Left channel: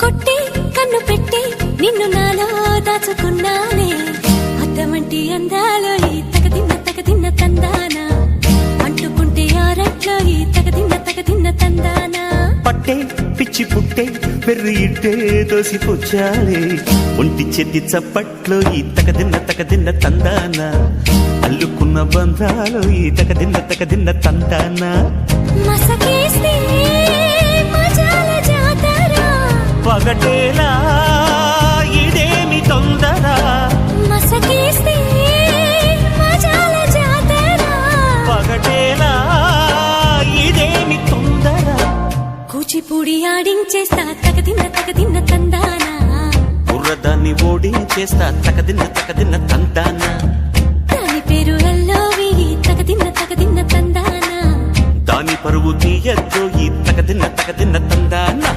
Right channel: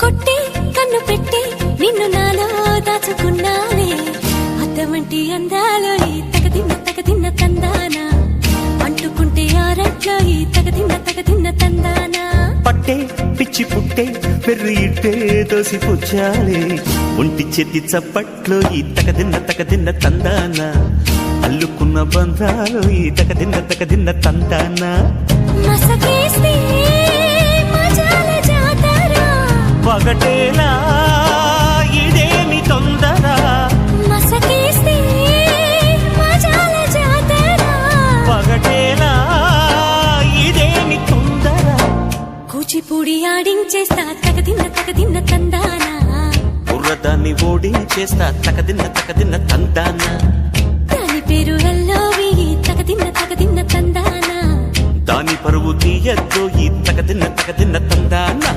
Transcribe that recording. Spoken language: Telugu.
కొట్టి కన్ను పెట్టి నిన్ను నాలో దాచుకున్నానే అద్దమంటి అందాలో ఈ తగదిన్న తందానా అంటుకుంటే ఆరట్లో ఈ తగదిన్న తందానా పట్టే పిచ్చి పుట్టే పెర్రి ఇట్టే దోసిపుచ్చాలే ఒంటి చెట్టి చప్పట్లో ఈ తగదిన్న తందానా అల్లుకున్న బంధాలు ఈ తగదిన్న తందానా మసకేస్తే మజాల జాతర పగటేలా ఇదేమి తొందర మసకేస్తే మజాల జాతర పగటేలా ఇదేమి తొందర కూచిపూడి ఆడించేస్తా తగదిన్న తందానా బుర్రదాన్ని ఓడించేస్తా తగదిన్న తందానా దాని పేరు ఎల్లోవి తగదిన్న తందానా దాని పరువు తీయద్దు ఈ తగదిన్న తందానా